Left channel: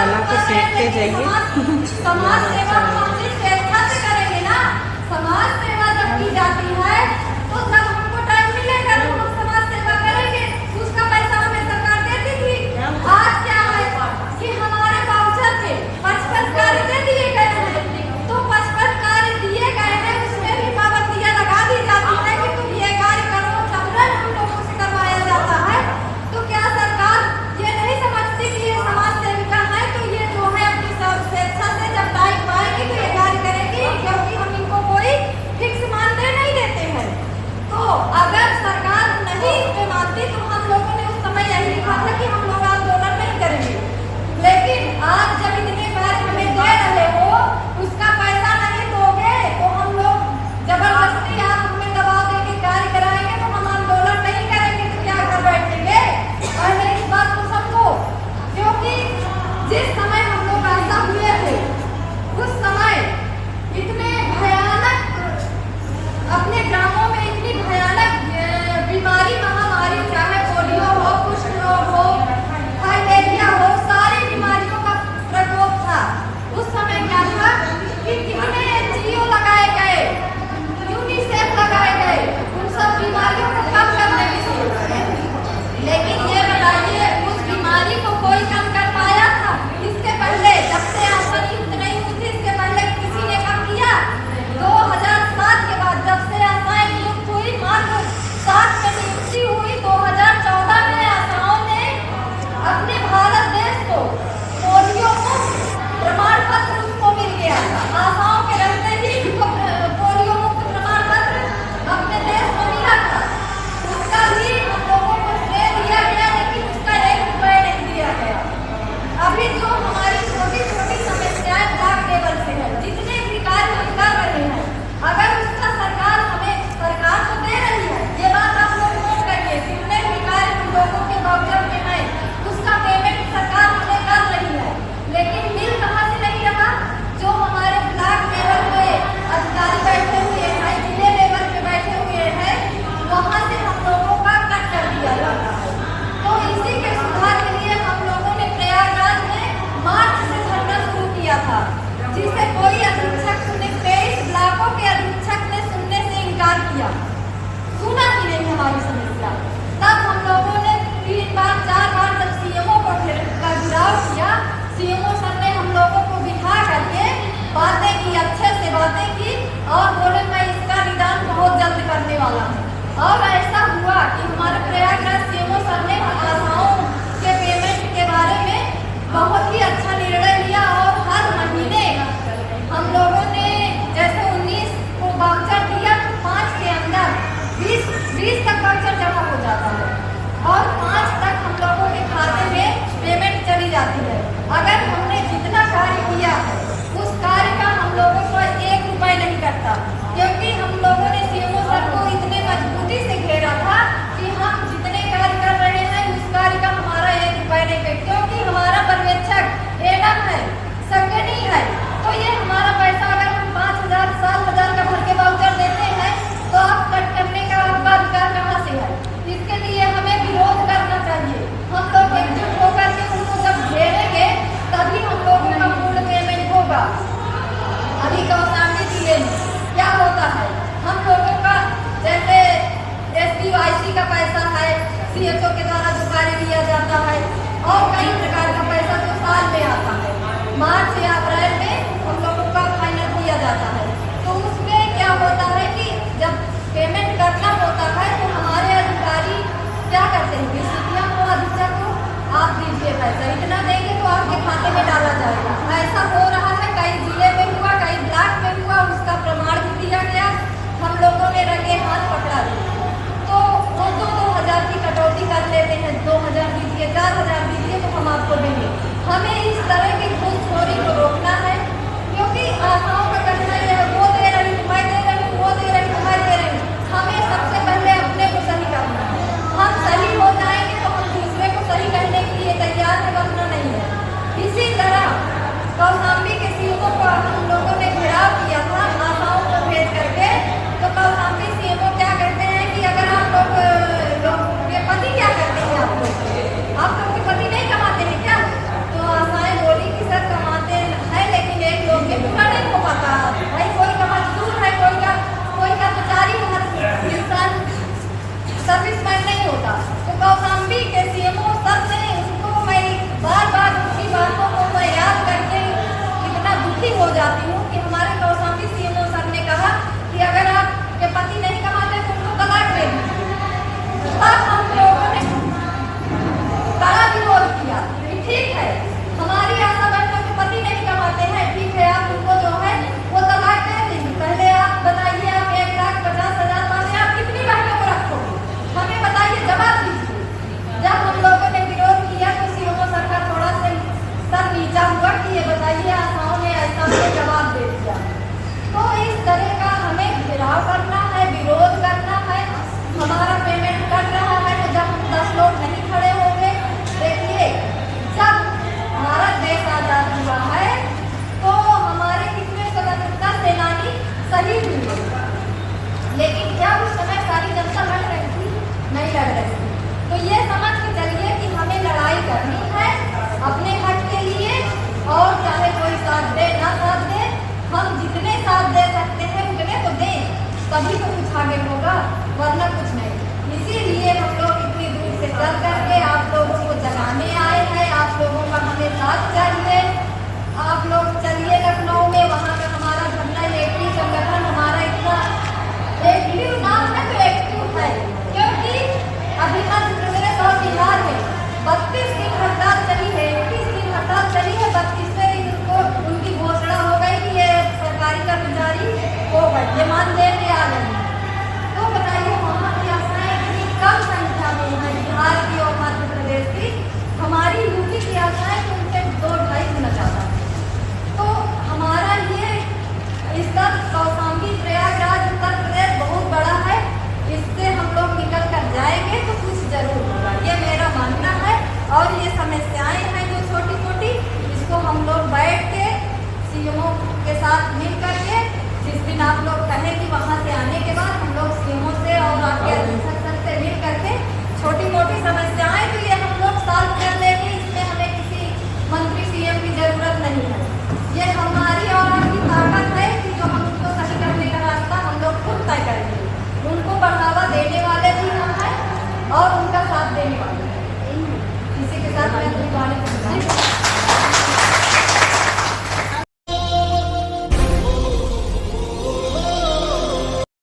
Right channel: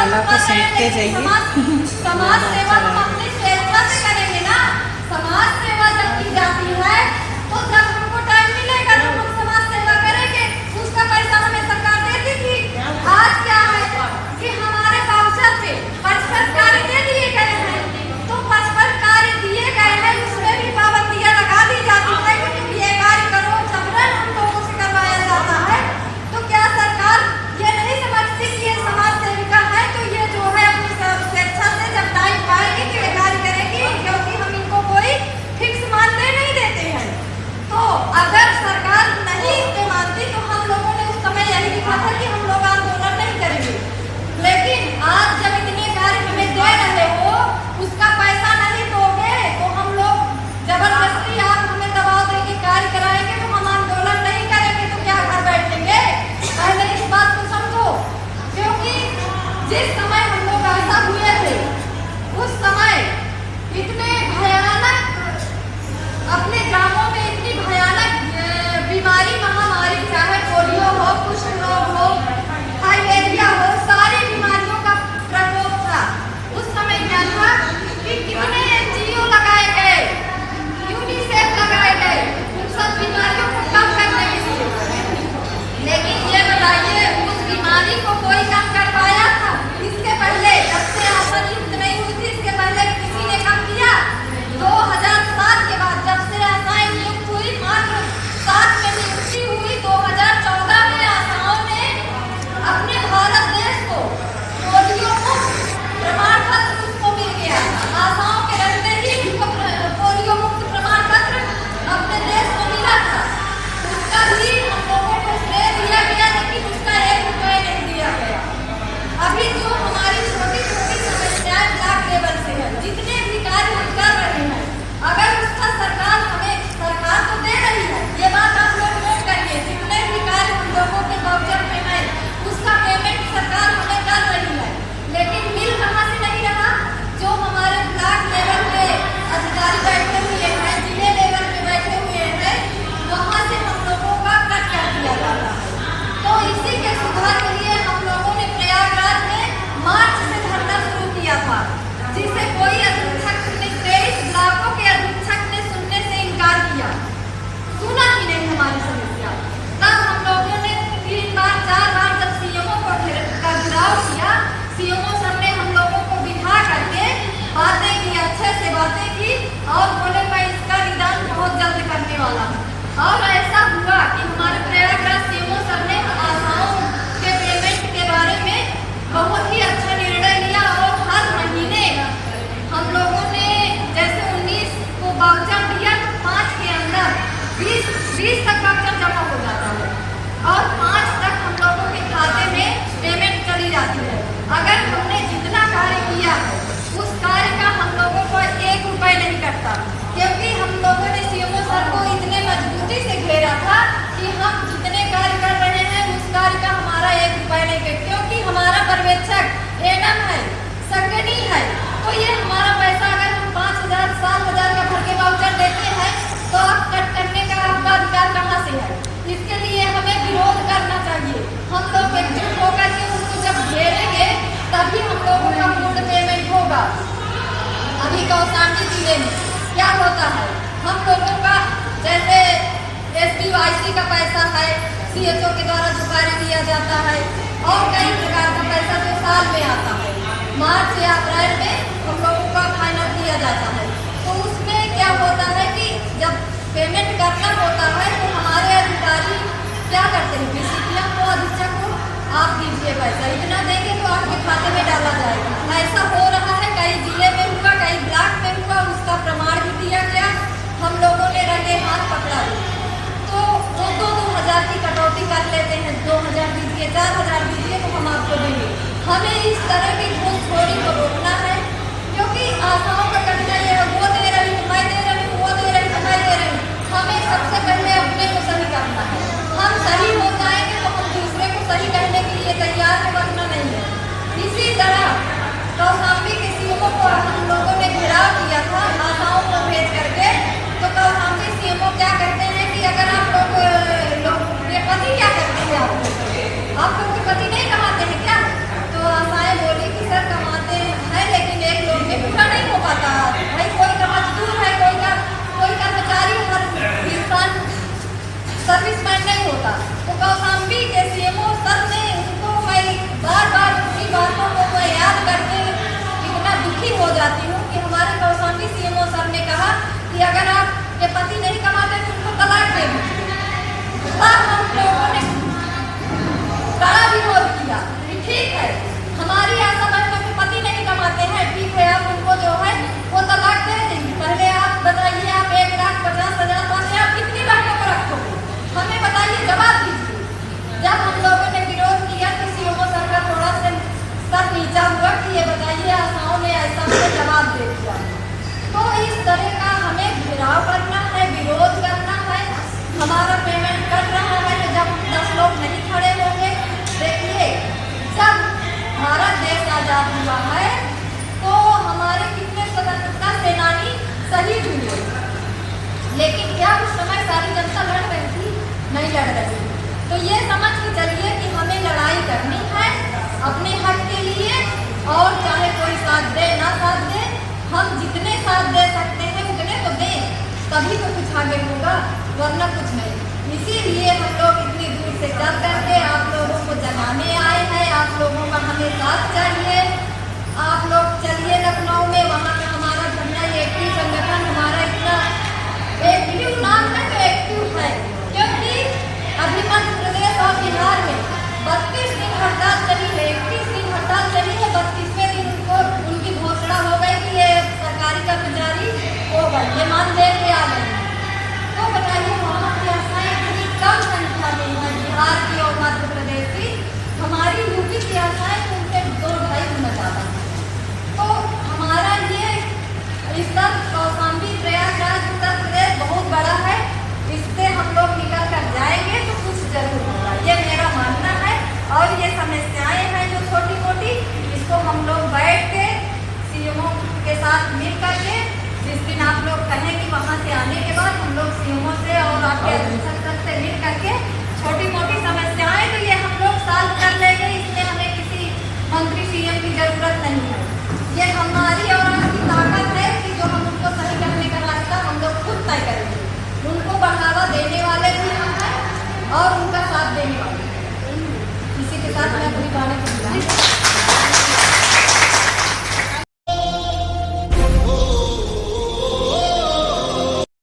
मसाला को सेकते जाइए। समाज सेवा हम अपनी स्वेच्छा से करेंगे ना। समाज सेवा जब की जाती है तो जब हमको टाइम मिलेगा तो हम समाज सेवा करेंगे। उसका पैसा हमें सरकार देती थी। आज क्या है कि हमारे वाउचर पे 55 कार्य दे दिए गए हैं, तो 55 कार्य दिए गए हैं उसमें भी पाबंदियां लगा दी जाती है कि तुम ये कार्य करो, जबरन हम लोगों से करवाया जाता है। तो क्या सरकार ये नहीं समझती कि ये समाज सेविका है, तो ये जो है अपनी स्वेच्छा से जब टाइम पाएगी तो ये कार्य करेगी, क्योंकि हम इनको कोई फिक्स मानदेय नहीं देते हैं। तो अगर सरकार नहीं इसके मानती तो हम लोगों ने उस समय यही लिखा था कि हम लोग आंदोलन नहीं करेंगे। लेकिन आज जब इतने कार्य हमें दे रहे हो, उसका पैसा नहीं दोगे तो हम लोग जबरदस्ती आप हमें दबाव देके कार्य कराएंगे तो हम आंदोलन नहीं करेंगे तो क्या घर बैठेंगे? पहले इस बात को समझो, क्योंकि जिस समय हम लोग ऐसा हुए थे उस समय इतने भयानक अपने ग्रामों में इतनी भयानक बीमारी महामारी, चाहे पोलियो हो, कुष्ठ रोग हो, थाइलेरिया हो, सारी बीमारियों का प्रकोप था। उस समय क्या था कि कितने एनजीओ लगाए गए, यूनिसेफ लगाए गए उन सब बीमारियों को कम करने के लिए। लेकिन ये बताइए उस बीमारी को कोई कम कर पाया था? इसके पहले जब से आसान युक्त नहीं हुई थी, इसके पहले किसी ने कम किया? 2007 के बाद जब से आसान युक्त हुई, मात्र 7 में नियुक्ति हुई। 2014 में आशाओं ने अपने भारत देश को पोलियो मुक्त प्रमाण पत्र उसको मिल गया। आशाओं के रहते ही उसको पोलियो मुक्त प्रमाण पत्र अपने देश को मिला था। उसका भी हम लोगों को श्रेय दिया गया, लेकिन उसका 1 रुपये नहीं दिया गया। अभी जो हमारी छोटी छोटी समस्याएं ब्लॉक लेवल से है, जितने भी कार्य हम कर रहे हैं, अगर उसका सरकार तो दे रही है, ये बात आप लोग नोट करिए, जितने भी कार्य हम लोगों के वाउचर में है उसका पेमेंट सरकार हमें कर रही है। लेकिन मिल कहाँ से नहीं रहा? जो हमारे ब्लॉक लेवल पे अधिकारी बैठे हुए हैं, जिले लेवल पे बैठे हुए हैं, वहाँ से हम लोगों का कट कर दिया जाता है। तो इसी के सुधार के लिए हम लोगों ने प्रयागराज में मार्च से धरना शुरू किया था, जिसे कोई अधीक्षक 23 ब्लॉकों के अधीक्षक ने सुनने से इनकार किया। सुना ही नहीं हमारी समस्या। तब हम लोगों ने 3 बार 4 बार जब सीएमओ को घेराव किया, सीएमओ सर ने हम लोगों को बिठा करके बातें की, अच्छे से बातें की और बोले मैं इसका निदान बहुत जल्द करने वाला हूँ। और ऐसा हुआ कि हमारे प्रयागराज सीएमओ सर ने आशाओं के पेमेंट के बारे में बहुत ही अच्छा निर्णय लिया और हर महीने हम लोगों ने जैसे 19 को वाउचर दिया तो 5 के अंदर 20 तक वाउचर जमा हो जाता है और 5 तक हम लोगों के खाते में पेमेंट करी जाती है। अगर हमने जितना कार्य किया है उस कार्य का हम लोगों को 1 रुपये नहीं कटता, क्योंकि हम लोगों ने सीएमओ सर को इतने मजबूती से घेरा था कि हम जितने कार्य कर रहे हैं उस कार्य का हमारा 1 रुपये नहीं कटे, क्योंकि हमारा पर्यवेक्षक एडम है, संगनी है। तो ये हमारा पैसा अगर हम 5,000 7,000 का भर के वाउचर देते हैं तो आप कट करने का आपका अधिकार कहाँ से है? इसके लिए हमें विरोध करना चाहिए। हम लोग एकजुट होकर के उनको जब घेरेंगे तभी हम लोगों का पूर्ण पेमेंट होगा। अभी कौशाम्बी जिले में क्या होता है, हम लोगों का जैसे SDOIC का पैसा है, CHO के द्वारा जो कार्य दिया जाता है और कई प्रकार का पैसा जो साल में आता है, मार्च या अप्रैल में हम लोगों का फाइनल दिया जाता है। तो उसमें क्या होता है कि जब पेमेंट करना होता है तो हमारे अधिकारी क्या करते हैं, BCPM को अधीक्षक को आप दीजिए पैसा, इतना देंगे तो आपके खाते में डाला जाएगा। ऐसा हो रहा है, कई जिले में हुआ, कई ब्लॉक में हुआ, उसका प्रमाण भी दिया गया, हम लोगों ने रंगे हाथ पकड़ा दिए। तो वो 2,000 की कटौती कर लेते हैं, 2,000 दीजिए, 4,000 दीजिए तो हम आपको देंगे। हमें इस तरह की घूसखोरी को रोकना है, क्योंकि आशाओं का कहना ये है वो दे रही हूँ, मैं दे रही हूँ, वो दे रही हूँ, मैं दे रही हूँ। हमें सबसे पहले अपने को सही करना है। हम सही हो जाएंगे तो हम दूसरे को सही कहने के लिए तैयार है, वरना नहीं है। इसी तरह कौशाम्बी के सीएमओ को हम लोगों ने घेराव किया था आशाओं को भेज करके, तो कौशाम्बी सीएमओ क्या कहते हैं कि अगर आप लोग ये पति क्या करते हैं, आप लोग के पति नहीं कमाते हैं क्या? तो आशाएं बोली भी सीएमओ सर ने कहा कि अगर आपके पति नहीं कमाते तो उनको तलाक दे दीजिए। तब हम लोगों ने कड़ा विरोध किया कि ठीक है, हमारी आशा बहनों के पति नहीं कमाते हैं, ठीक है, आप उनको जो है वो तलाक दे देंगे। पहले आप बताइए, आप 1,50,000 पाते आप कितनी बहनों को रखोगे? हमें बताइए, जवाब दीजिए। जब हम लोगों ने विरोध किया तो सीएमओ सर का थोड़ा सा सर नीचा हुआ कि ये बताइए, आशाओं ने ऐसा हमें जवाब दे दिया। तो इस तरह का हमें घेराव करना है, विरोध करना है, हमारा पेमेंट कट रहा है। तो जब हम 10 लोग नहीं खड़े होंगे, देखिए जब भारत देश आजाद हुआ है तो हमारे कितने स्वतंत्रता सेनानी शहीद हुए, लेकिन क्या उस समय सारी जनता लड़ रही थी? नहीं लड़ रही थी। तो ये समझ के चलिए कि हमें लड़ाई करनी है अपने हक के लिए, और चाहे कोई साथ दे ना साथ दे, हम जितने साथ दे सकते हैं उतने तो दें, तभी तो कुछ आगे होगा, वरना कुछ नहीं। इसीलिए हम लोग इतनी दूर से चल करके आप लोगों को जगाने आए हैं। आप लोगों का हमें साथ चाहिए। आप लोग चलिए लखनऊ में, वहाँ का हमारा झंडा एक्टिव संगठन हमारा इतना एक्टिव नाम है तो एक्टिव है, क्योंकि अभी मध्य प्रदेश और बिहार में 32 दिन हड़ताल चली है, 31 दिन हड़ताल चली है, 32वें दिन उनको उनकी घोषणा हो गई कि ये सरकारी कर्मचारी हो गए, ये मानदेय पे आ गए। तो बताइए, वहाँ की आशाएं इतनी कम संख्या में है बिहार की और मध्य प्रदेश की, हमारी यूपी की आशाएं तो उनसे 2-2.5 गुना ज़्यादा। तो हमारा ये स्तर कौशाम्बी, प्रयागराज, उत्तर प्रदेश बहुत बड़ा है, इससे हम लोग निकल कर जाएंगे तो कुछ जरूर होगा, ये मेरा मानना है। और ये समस्याएं हैं जो छोटी मोटी, इसको हम लोग बैठ के सीएमओ के साथ मिल करके, जिस दिन आप लोग कहें कि वहाँ से आने के बाद हम लोग सीएमओ से और आपके अध्यक्ष से मिल करके छोटी मोटी समस्याएं तो ये हम लोग सॉल्व कर लेंगे। इसमें हमें किसी मंत्री सीएम की जरूरत नहीं है। ये हमारी और आपकी ताकत है कि जो हम उनको सही करने का रास्ता हम लोग खुद तय करेंगे। उनको बढ़ावा देने वाले भी हम हैं और उनका साथ देने वाले। इसी के साथ मैं अपनी बातें